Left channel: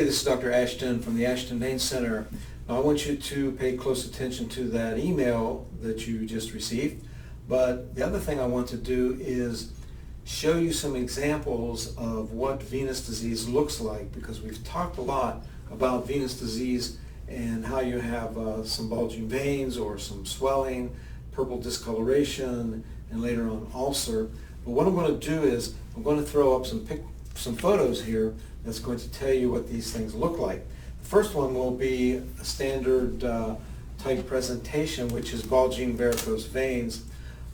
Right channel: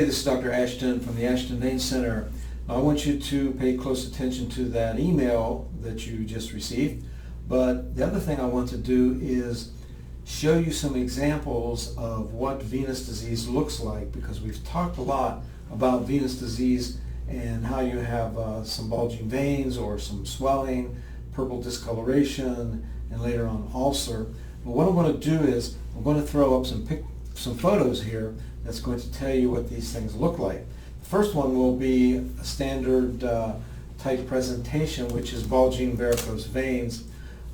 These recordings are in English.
This is Dr. Ashton from the Ashton Vein Center. I want you to pay close attention to that email that you just received. But the other thing I want to do is show you some examples of what venous disease looks like, because we've talked a lot about venous disease and how you have some bulging veins or some swelling, purple discoloration, and later on ulcer. But what I'm going to do is I'm going to throw up some photos here that's going to tell you what these things look like. The first one will be a standard type presentation, which is bulging varicose veins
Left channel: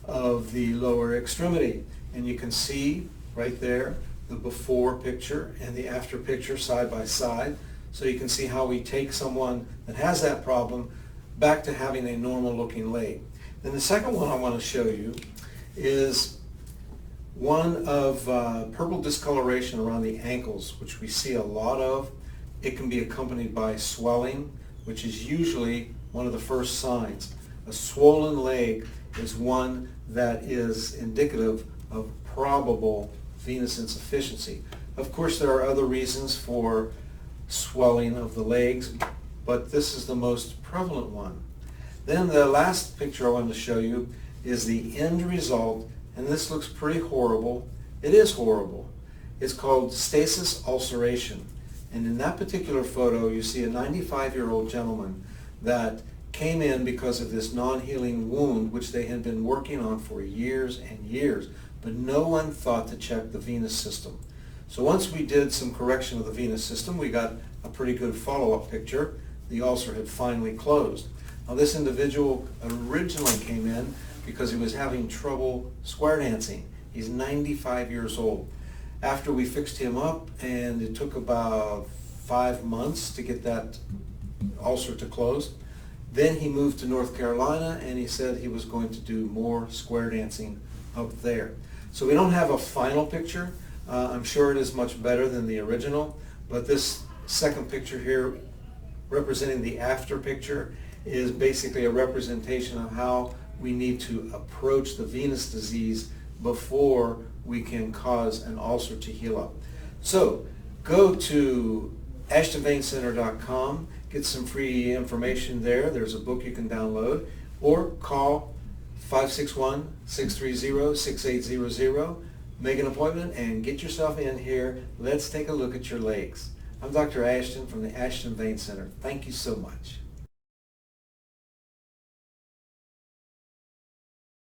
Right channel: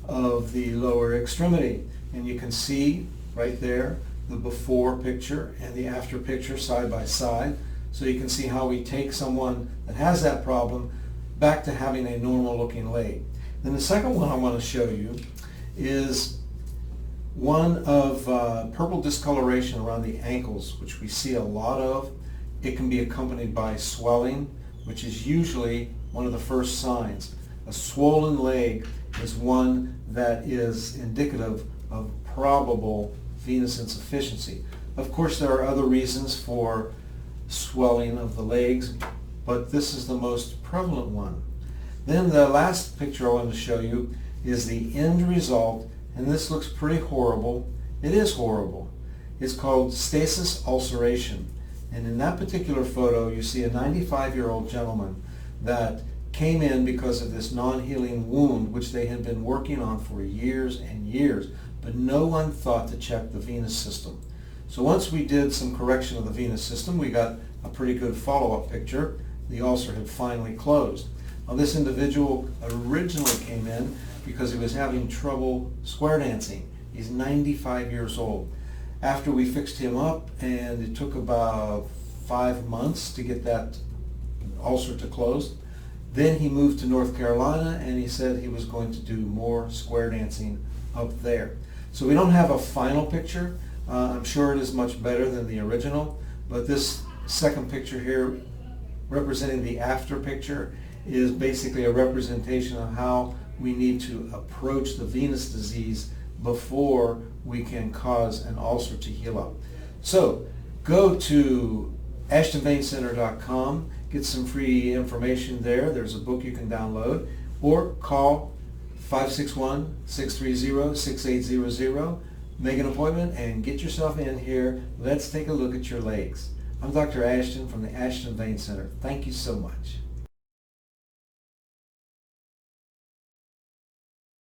of the lower extremity. And you can see right there the before picture and the after picture side by side. So you can see how we take someone that has that problem back to having a normal looking leg. Then the second one I want to show you is one of purple discoloration around the ankles, which we see a lot of. It can be accompanied by swelling, which is usually one of the first signs. A swollen leg is one that is indicative of probable venous insufficiency. Of course, there are other reasons for swelling of the legs, but this is the most prevalent one. Then the last picture I wanted to show you is the end result. And this looks pretty horrible. It is horrible. It's called stasis ulceration. And in that particular photo, you see a 95-year-old gentleman that came in because of this non-healing wound, which they had been working on for years and years, but no one thought to check the venous system. So once we did some correction of the venous system, we got a pretty good follow-up picture. The ulcer had finally closed. Now, this individual originally came in because he was having trouble square dancing. He's 95 years old. After we fixed him up, and it took about 5 months to get that ulcer to close, then he moved to North Carolina, and he said he was going to do more square dancing up there. So we don't have a final picture. I'm sure it is much better than the original, but this second picture here, representing the after picture, is basically a representation of how we need to approach the venous disease before we can cause an ulcer to heal up. So go to ashtonveincenter.com, get some free information there. There's a book you can download, or call 561-630-6800. Make an appointment and get yourself in here. Let's take a look at your legs. I'm Dr. Ashton from the Ashton Vein Center. Thank you so much.